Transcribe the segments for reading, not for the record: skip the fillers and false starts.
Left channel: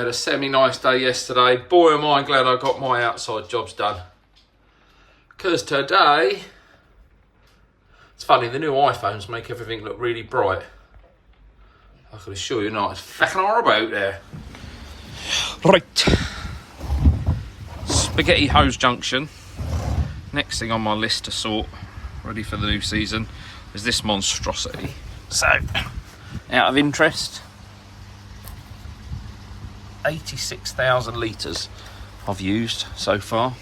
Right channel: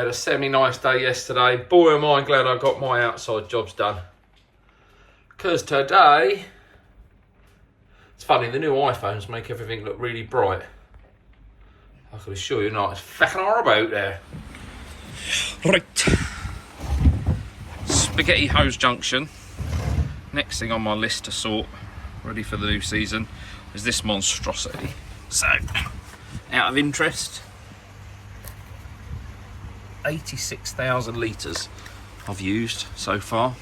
had a semi-nice day yesterday. Boy, am I glad I got my outside jobs done. Because today, it's funny, the new iPhones make everything look really bright. I can assure you not, it's fucking horrible out there. Right. Spaghetti Hose Junction. Next thing on my list to sort, ready for the new season, is this monstrosity. So, out of interest, 86,000 litres I've used so far,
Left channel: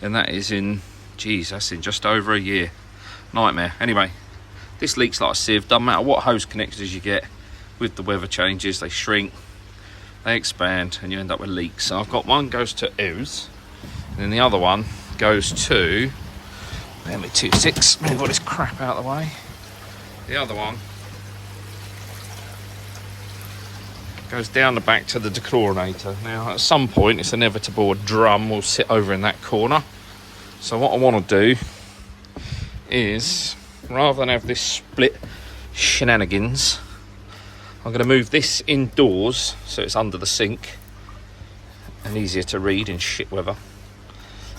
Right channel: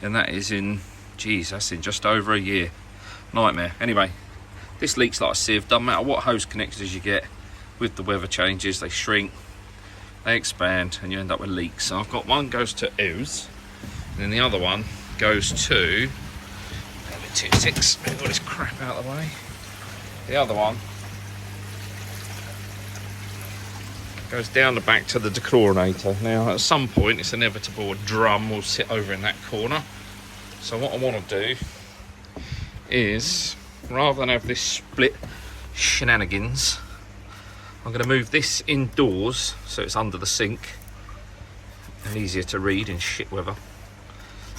and that is in, geez, that's in just over a year. Nightmare. Anyway, this leaks like a sieve. Doesn't matter what hose connectors you get with the weather changes, they shrink, they expand, and you end up with leaks. So I've got one goes to ooze, and then the other one goes to, let me 2.6, let me get this crap out of the way. The other one goes down the back to the dechlorinator. Now, at some point, it's inevitable a drum will sit over in that corner. So what I want to do is, rather than have this split shenanigans, I'm going to move this indoors so it's under the sink and easier to read in shit weather.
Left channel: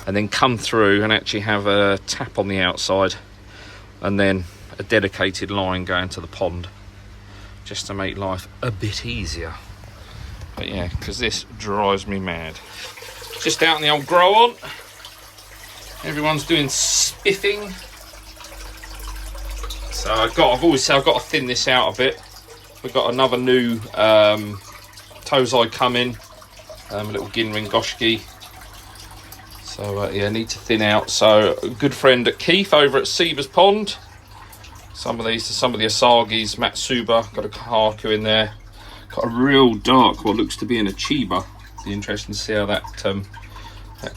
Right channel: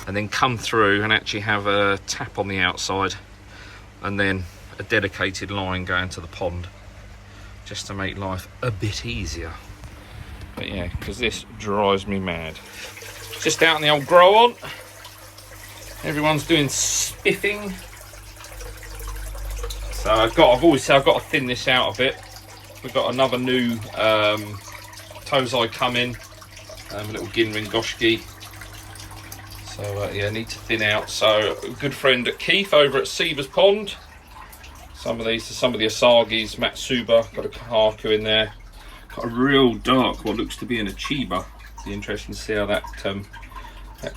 And then come through and actually have a tap on the outside and then a dedicated line going to the pond, just to make life a bit easier. But yeah, because this drives me mad. Just out in the old grow on. Everyone's doing spiffing. So I've always said I've got to thin this out a bit. We've got another new Tozai coming, a little Ginringoshki. So yeah, need to thin out. So a good friend at Keith over at Seaver's Pond. Some of the Asagis, Matsuba, got a Kahaku in there. Got a real dark, what looks to be an Achiba. Be interesting to see how that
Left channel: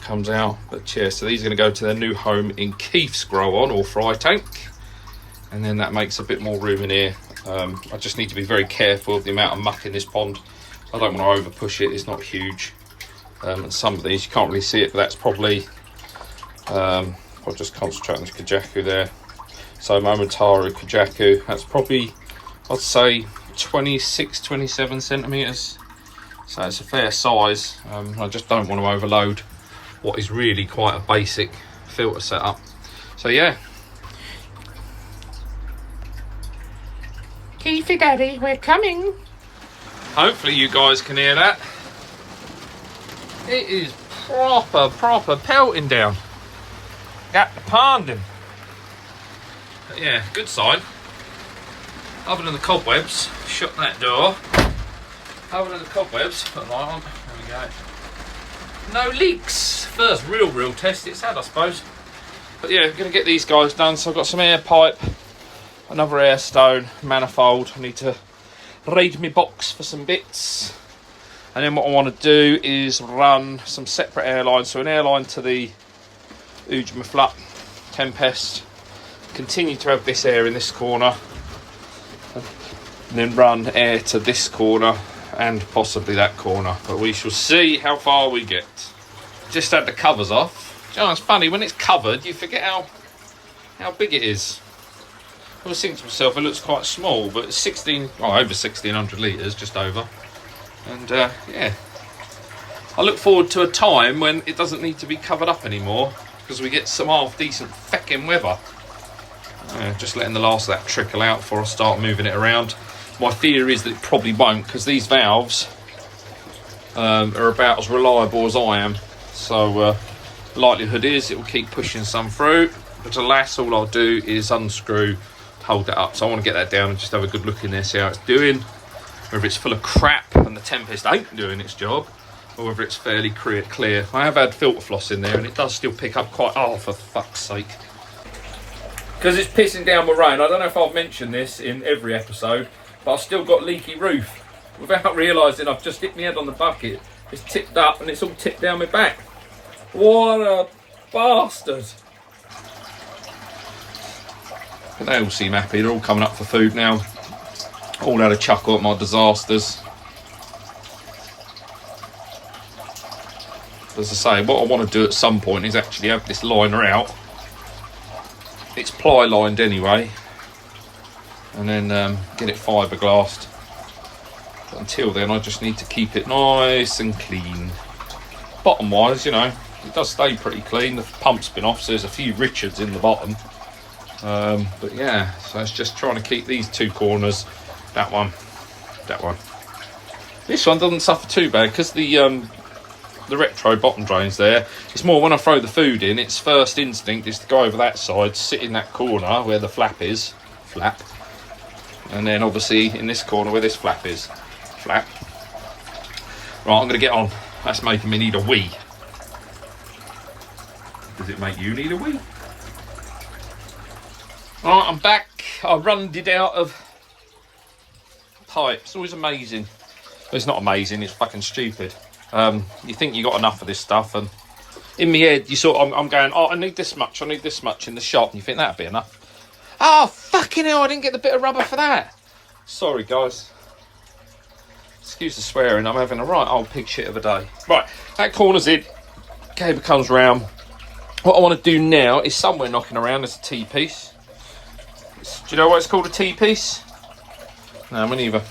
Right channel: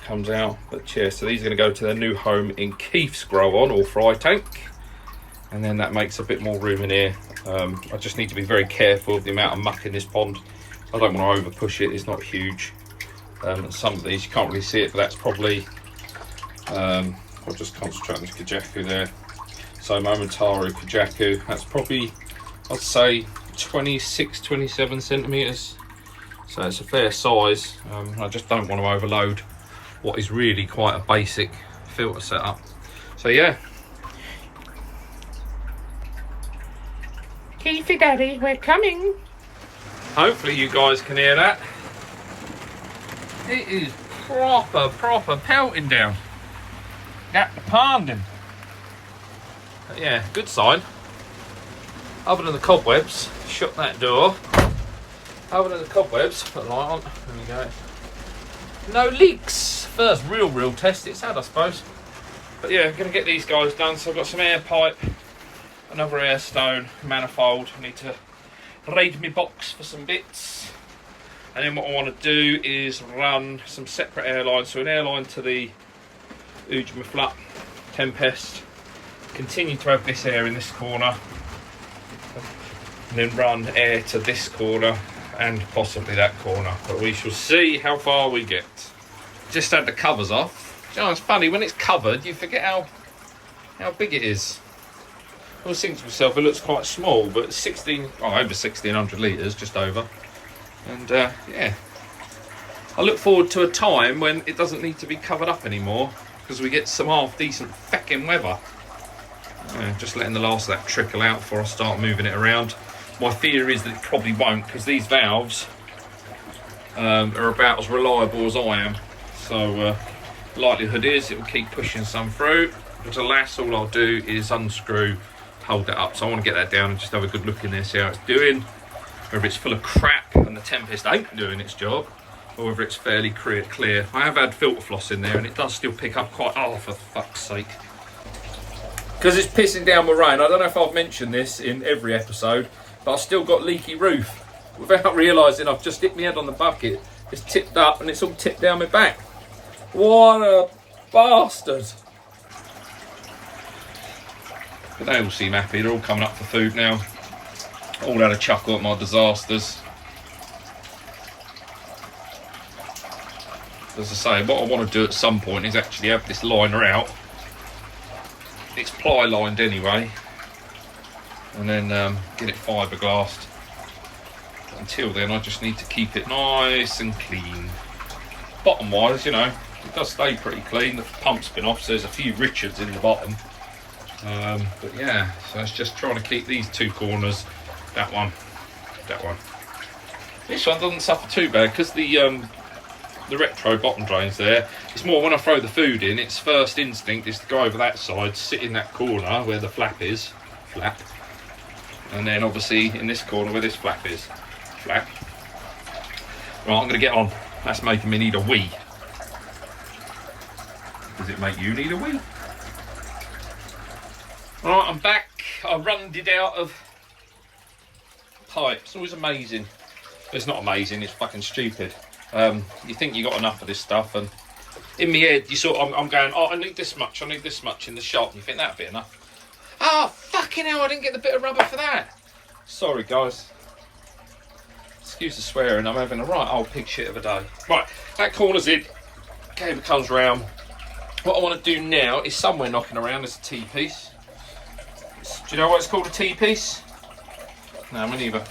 comes out. But yeah, so these are going to go to their new home in Keith's grow on, or fry tank. And then that makes a bit more room in here. I just need to be very careful of the amount of muck in this pond. I don't want to over push it, it's not huge. And some of these, you can't really see it, but that's probably, I'll just concentrate on the Kajaku there. So Momotaro Kajaku, that's probably, I'd say 26, 27 centimetres. So it's a fair size. I just don't want to overload what is really quite a basic filter setup. So yeah. Keithy Daddy, we're coming. Hopefully you guys can hear that. It is proper pelting down. Got the ponding. But yeah, good sign. Other than the cobwebs, shut that door. Other than the cobwebs, put the light on. There we go. No leaks. First real test it's had, I suppose. But yeah, I'm gonna get these guys done. So I've got some air pipe, another air stone, manifold. I need to raid my box for some bits. And then what I want to do is run some separate airlines. So an airline to the Ujima Tempest. Continue to have this air in this corner. And then run air to this corner and possibly that corner. But we shall see how far we get. Just had the covers off. You know, it's funny, when it's covered, you forget how big it is. I was thinking to myself, it looks quite small, but it's over 1,600 litres, just over. And yeah, I look forward to a time when it doesn't need to be covered up anymore, because we get some half decent feckin' weather. Just letting the last of that trickle out before I start moving it around. My fear is that it probably won't, because these valves are about as reliable as I am. So likelihood is it will keep pushing some through, but alas, all I'll do is unscrew, hold that up. So I want to get that down and just have a good look in there, see how it's doing. Whether it's full of crap and the Tempest ain't doing its job, or whether it's fairly clear. I have had filter floss in there and it does still pick up quite, oh for fuck's sake. Because it's pissing down with rain. I don't know if I've mentioned this in every episode, but I've still got leaky roof. Without realising, I've just hit my head on the bucket. It's tipped up and it's all tipped down my back. What a bastard. But they all seem happy. They're all coming up for food now. All had a chuckle at my disasters. As I say, what I want to do at some point is actually have this liner out. It's ply lined anyway, and then get it fiberglassed. But until then I just need to keep it nice and clean. Bottom wise, you know, it does stay pretty clean. The pump's been off, so there's a few Richards in the bottom. But yeah, so it's just trying to keep these two corners, that one. This one doesn't suffer too bad because the retro bottom drains there. It's more when I throw the food in, its first instinct is to go over that side, sit in that corner where the flap is, and then obviously in this corner where this flap is, flap. Right, I'm going to get on. That's making me need a wee. Does it make you need a wee? Alright, I'm back. I runned it out of pipe. It's always amazing. It's not amazing, it's fucking stupid. You think you got enough of this stuff, and in my head you sort of, I'm going, oh, I need this much in the shop, and you think that'd be enough. Oh, fucking hell, I didn't get the bit of rubber for that. Sorry, guys. Excuse the swearing, I'm having a right old pig shit of a day. Right, that corner's in. Cable comes round. What I want to do now is somewhere knocking around. There's a T-piece. Do you know why it's called a T-piece? No, me neither.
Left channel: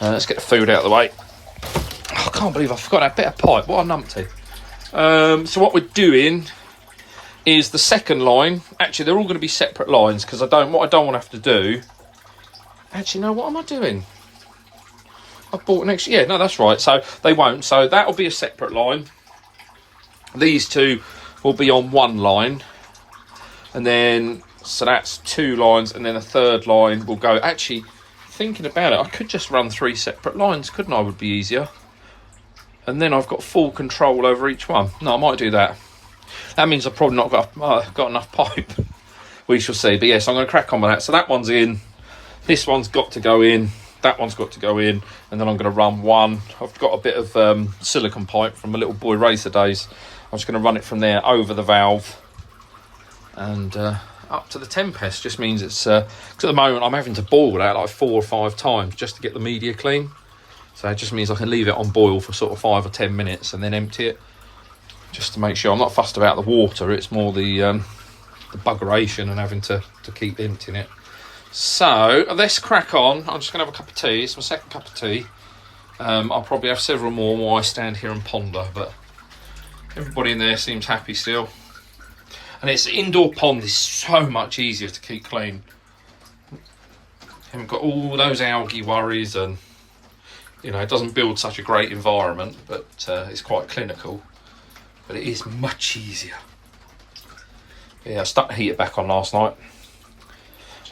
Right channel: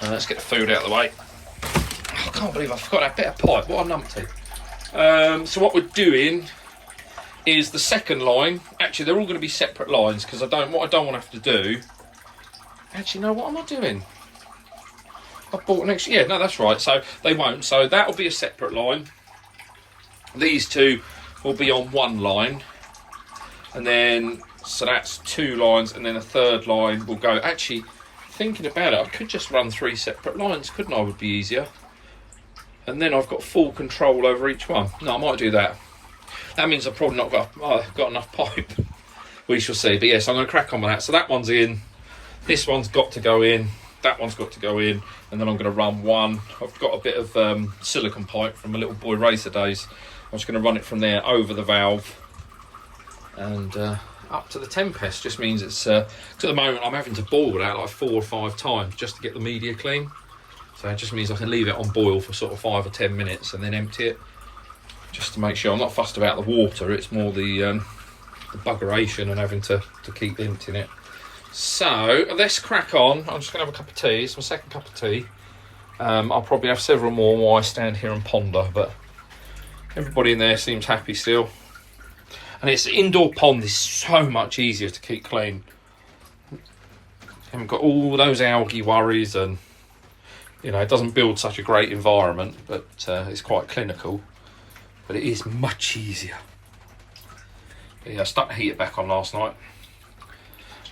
Let's get the food out of the way. Oh, I can't believe I forgot that bit of pipe. What a numpty. So what we're doing is the second line. Actually, they're all going to be separate lines because what I don't want to have to do. Actually, no, what am I doing? I bought an extra. Yeah, no, that's right. So they won't. So that'll be a separate line. These two will be on one line, and then so that's two lines, and then a third line will go. Actually, thinking about it, I could just run 3 separate lines, couldn't I? Would be easier, and then I've got full control over each one. No, I might do that. That means I've probably not got enough pipe. We shall see. But yes, I'm going to crack on with that. So that one's in. This one's got to go in. That one's got to go in, and then I'm going to run one. I've got a bit of silicone pipe from my little boy racer days. I'm just going to run it from there over the valve and up to the Tempest. Just means it's because at the moment I'm having to boil that like 4 or 5 times just to get the media clean. So it just means I can leave it on boil for sort of 5 or 10 minutes and then empty it, just to make sure. I'm not fussed about the water. It's more the buggeration and having to keep emptying it. So let's crack on. I'm just going to have a cup of tea. It's my second cup of tea. I'll probably have several more while I stand here and ponder, but everybody in there seems happy still. And it's indoor pond is so much easier to keep clean. Haven't got all those algae worries, and you know, it doesn't build such a great environment, but it's quite clinical. But it is much easier. Yeah, I stuck the heater back on last night.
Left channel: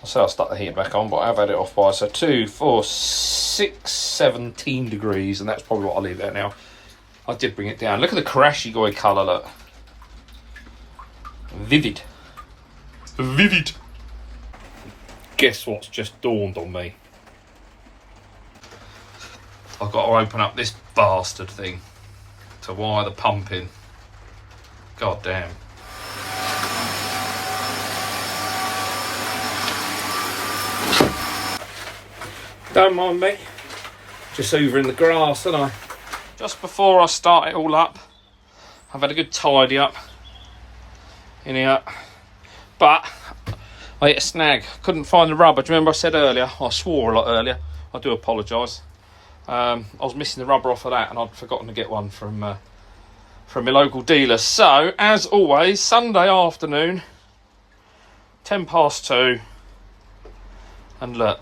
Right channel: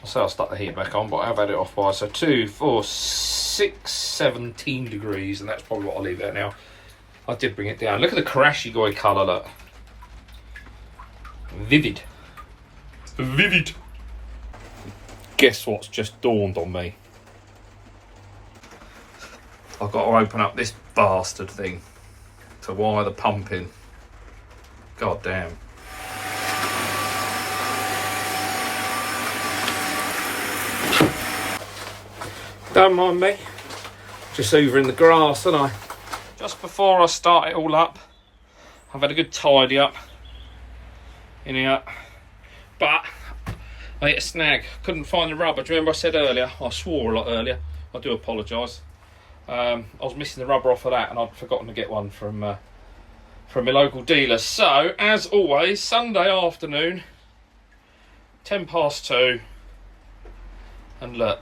I say I stuck the heater back on, but I've had it off by 2, 4, 6, 17 degrees, and that's probably what I'll leave there now. I did bring it down. Look at the Karashigoi colour, look. Vivid. Vivid. Guess what's just dawned on me? I've got to open up this bastard thing to wire the pump in. God damn. Don't mind me, just hoovering the grass, aren't I? Just before I start it all up, I've had a good tidy up in here, but I hit a snag. Couldn't find the rubber. Do you remember I said earlier? I swore a lot earlier. I do apologise. I was missing the rubber off of that, and I'd forgotten to get one from my local dealer. So, as always, Sunday afternoon, 2:10, and look,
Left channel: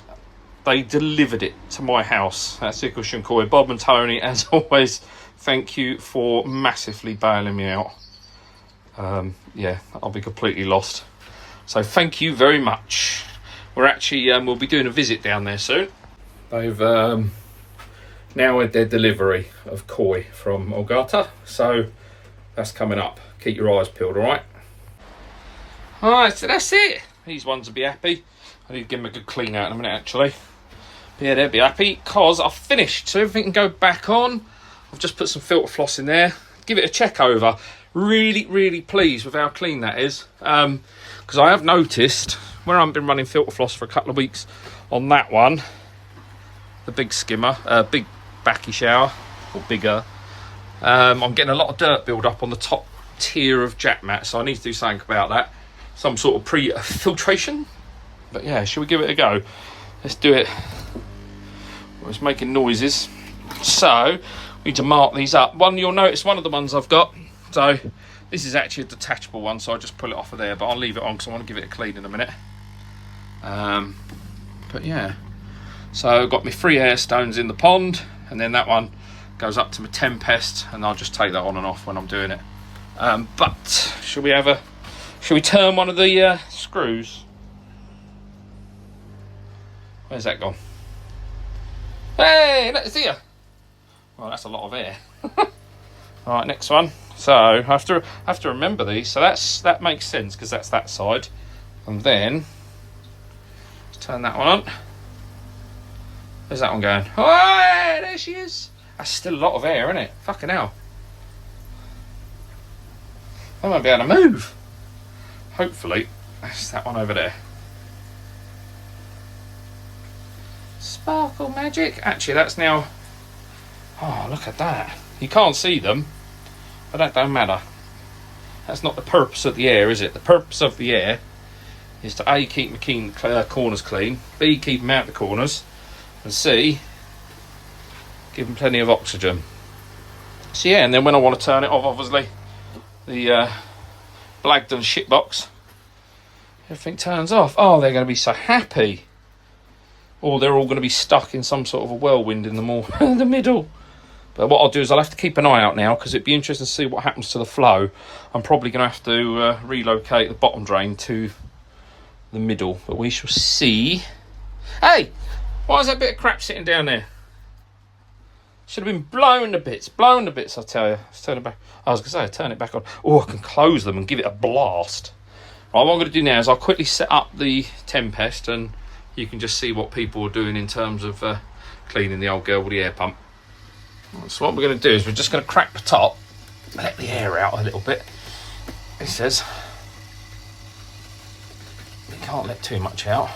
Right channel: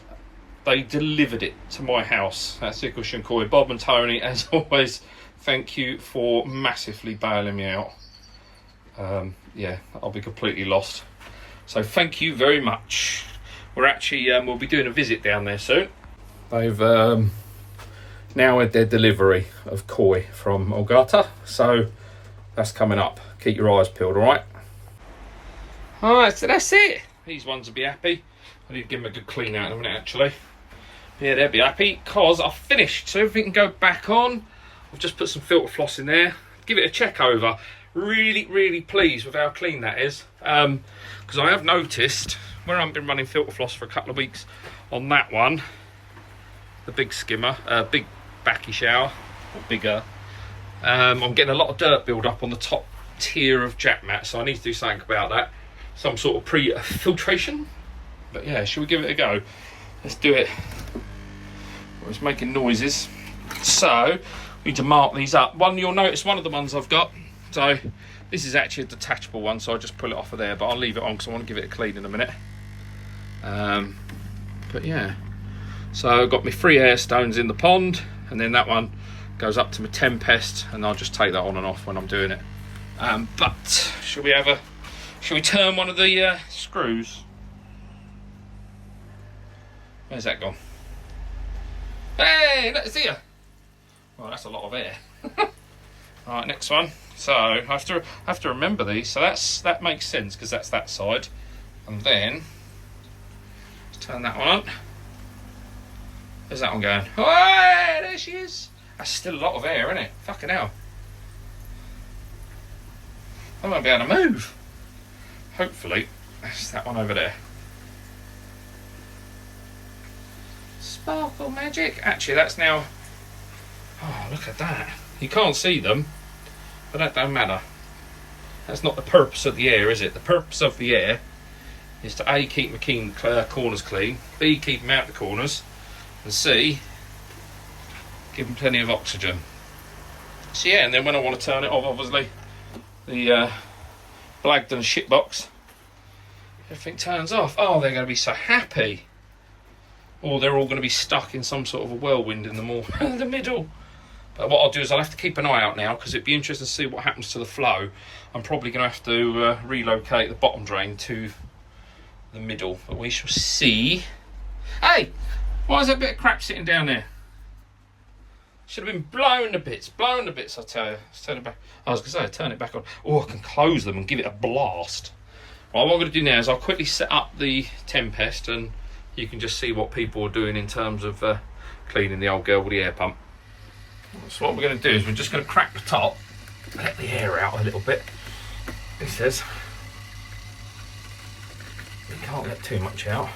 they delivered it to my house. That's Ikushun Bob and Tony, as always, thank you for massively bailing me out. Yeah, I'll be completely lost. So thank you very much. We're actually, we'll be doing a visit down there soon. They've now had their delivery of koi from Ogata, so that's coming up. Keep your eyes peeled, alright? Alright, so that's it. These ones will be happy. I need to give them a good clean out in a minute, actually. Yeah, they'll be happy because I've finished, so everything can go back on. I've just put some filter floss in there. Give it a check over. Really, really pleased with how clean that is. Because I have noticed, where I haven't been running filter floss for a couple of weeks on that one, the big skimmer, big backy shower, or bigger, I'm getting a lot of dirt build up on the top tier of jack mat, so I need to do something about that. Some sort of pre-filtration. But yeah, shall we give it a go? Let's do it It's making noises. So we need to mark these up. You'll notice one of the ones I've got. So this is actually a detachable one, so I just pull it off of there, but I'll leave it on because I want to give it a clean in a minute. But yeah, so I've got my 3 air stones in the pond, and then that one goes up to my Tempest, and I'll just take that on and off when I'm doing it. But should we turn one of the screws? Where's that gone? Hey, it's here. Well, that's a lot of air. All right, next one. So I have to remember these. So that makes sense because that's that side, and then let's turn that one on. Where's that one going? Oh, hey, there she is. That's still a lot of air, isn't it? Fucking hell. I won't be able to move. Hopefully, that's that one over there. Sparkle magic. Actually, that's now. Oh, look at that. You can't see them, but that don't matter. That's not the purpose of the air, is it? The purpose of the air is to A, keep the corners clean, B, keep them out the corners, and C, give them plenty of oxygen. So yeah, and then when I want to turn it off, obviously, the Blagdon shitbox, everything turns off. Oh, they're going to be so happy. Or they're all going to be stuck in some sort of a whirlwind in the middle. But what I'll do is I'll have to keep an eye out now, because it'd be interesting to see what happens to the flow. I'm probably going to have to relocate the bottom drain to the middle, but we shall see. Hey, why is that bit of crap sitting down there? Should have been blown to bits, I tell you. Let's turn it back. I was going to say, turn it back on. Oh, I can close them and give it a blast. Right, what I'm going to do now is I'll quickly set up the Tempest, and you can just see what people are doing in terms of cleaning the old girl with the air pump. So what we're going to do is we're just going to crack the top, let the air out a little bit. It says you can't let too much out,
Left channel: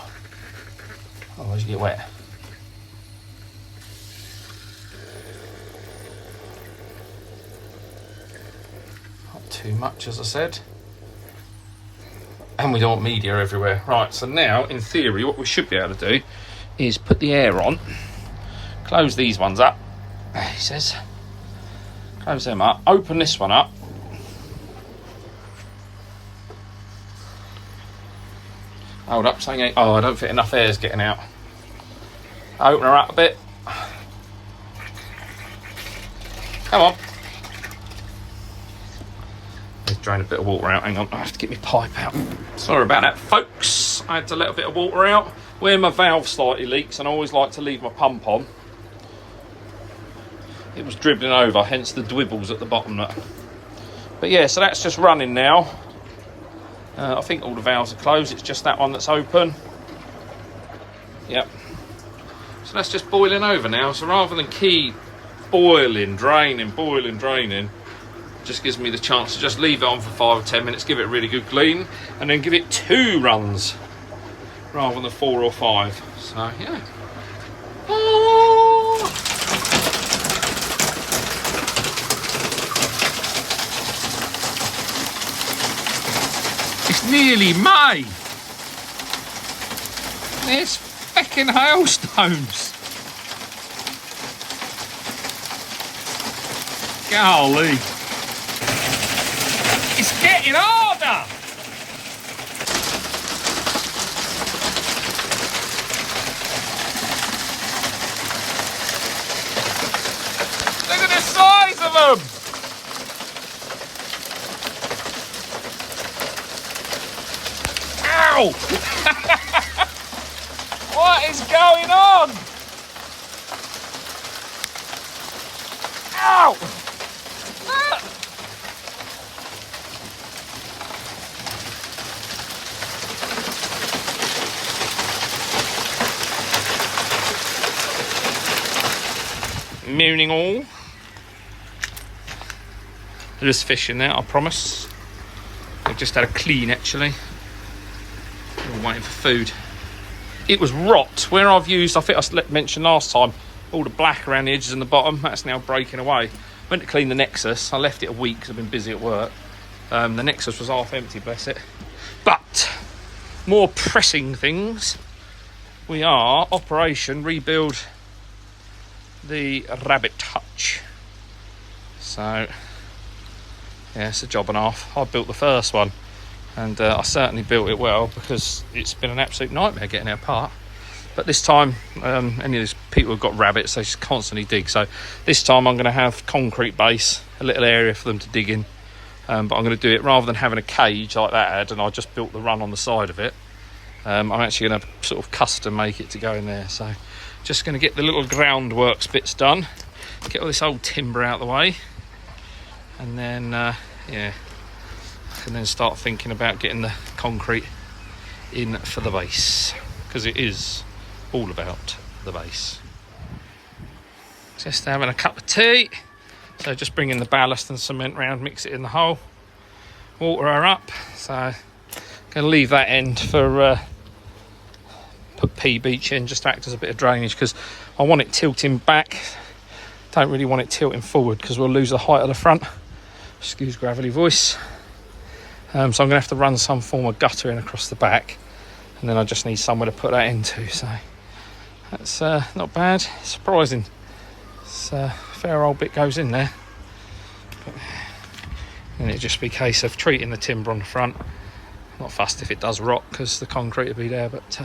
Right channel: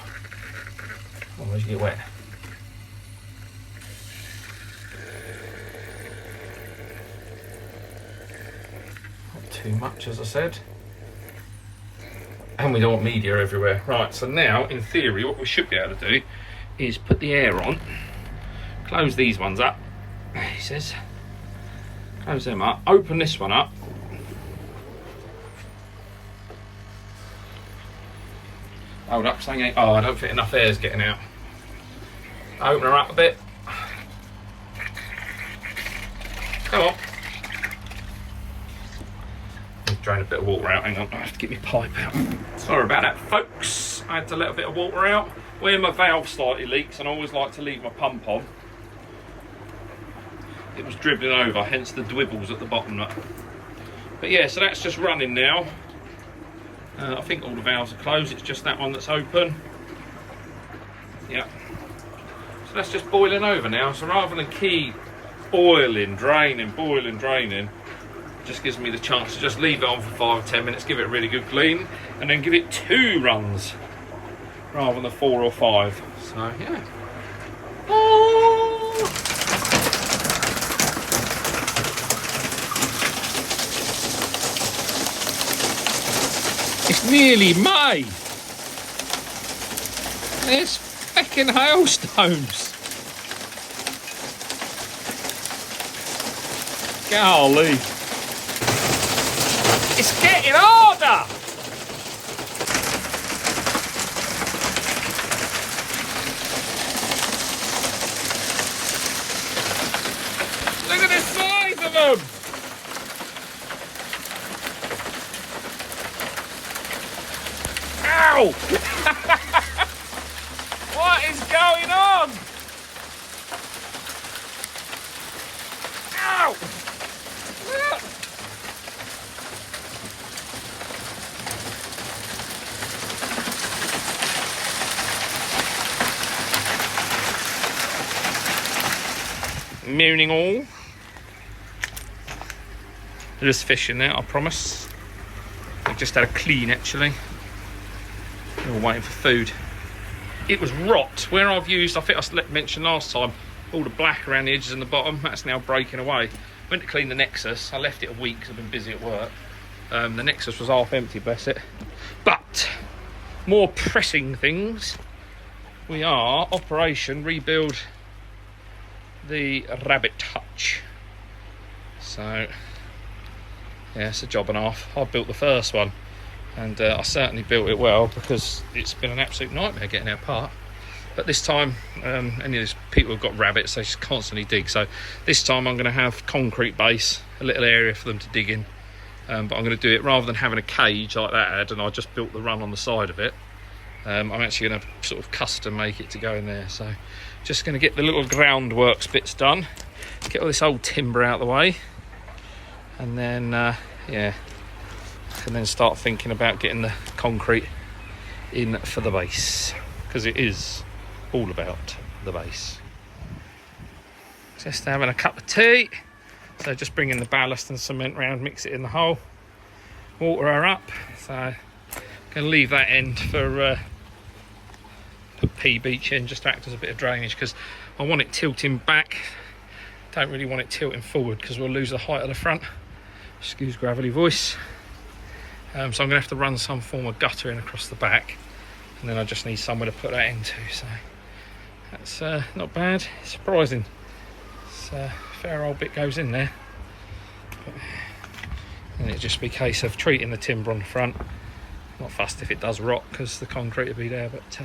otherwise you get wet. Not too much, as I said. And we don't want media everywhere. Right, so now, in theory, what we should be able to do is put the air on, close these ones up, he says, close them up, open this one up, hold up, saying, oh, I don't think enough air is getting out. Open her up a bit. Come on. Drain a bit of water out. Hang on, I have to get my pipe out. Sorry about that, folks. I had to let a bit of water out where my valve slightly leaks, and I always like to leave my pump on. It was dribbling over, hence the dwibbles at the bottom. But yeah, so that's just running now. I think all the valves are closed. It's just that one that's open. Yep. So that's just boiling over now. So rather than keep boiling, draining, just gives me the chance to just leave it on for 5 or 10 minutes, give it a really good clean, and then give it 2 runs rather than 4 or 5. So yeah. It's nearly May. There's fucking hailstones. Golly. It's getting harder. Look at the size of them. Ow! What is going on? Ow! Mooning all. There's fish in there, I promise. I've just had a clean actually. We're waiting for food. It was rot where I've used, I think I mentioned last time, all the black around the edges and the bottom. That's now breaking away. Went to clean the Nexus. I left it a week because I've been busy at work. The Nexus was half empty, bless it. But more pressing things. We are Operation Rebuild the rabbit hutch. So yeah, it's a job and a half. I built the first one, and I certainly built it well, because it's been an absolute nightmare getting it apart. But this time, any of these people who've got rabbits, they just constantly dig. So this time I'm going to have concrete base, a little area for them to dig in. But I'm going to do it rather than having a cage like that had, and I just built the run on the side of it. I'm actually going to sort of custom make it to go in there. So just going to get the little groundworks bits done, get all this old timber out of the way, and then yeah, I can then start thinking about getting the concrete in for the base, because it is all about the base. Just having a cup of tea. So just bringing the ballast and cement round, mix it in the hole, water her up. So I'm going to leave that end for put P beach in, just to act as a bit of drainage, because I want it tilting back. Don't really want it tilting forward, because we'll lose the height of the front. Excuse gravelly voice. So I'm going to have to run some form of gutter in across the back, and then I just need somewhere to put that into. So that's not bad. Surprising. It's a fair old bit goes in there. But then it'd just be a case of treating the timber on the front. Not fussed if it does rot, because the concrete will be there. But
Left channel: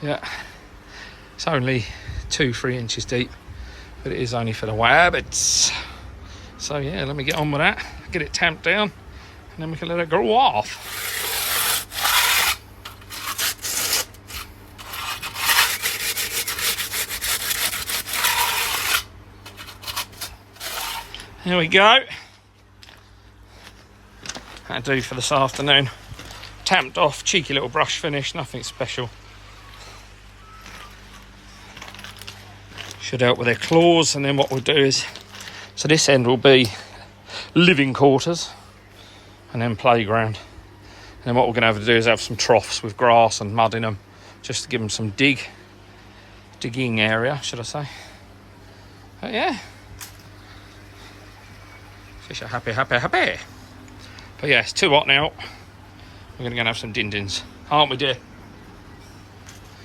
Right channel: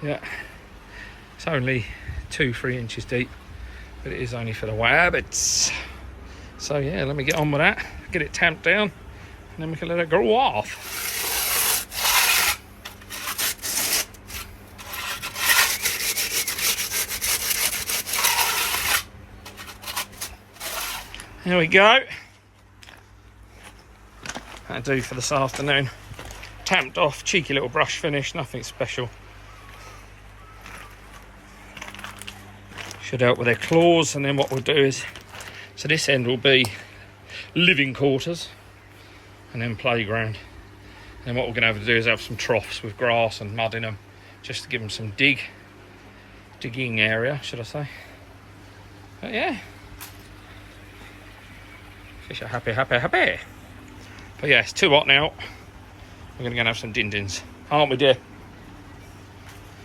yeah, it's only 2-3 inches deep, but it is only for the rabbits. So yeah, let me get on with that, get it tamped down, and then we can let it grow off. There we go. That'll do for this afternoon. Tamped off, cheeky little brush finish, nothing special. Should help with their claws, and then what we'll do is, so this end will be living quarters, and then playground. And then what we're going to have to do is have some troughs with grass and mud in them, just to give them some digging area, should I say. But yeah. Fish are happy, happy, happy. But yeah, it's too hot now. We're going to go and have some din-dins. Aren't we, dear?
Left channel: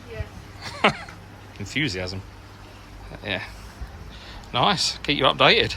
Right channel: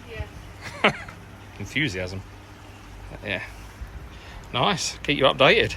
Yeah. Enthusiasm. Yeah. Nice. Keep you updated.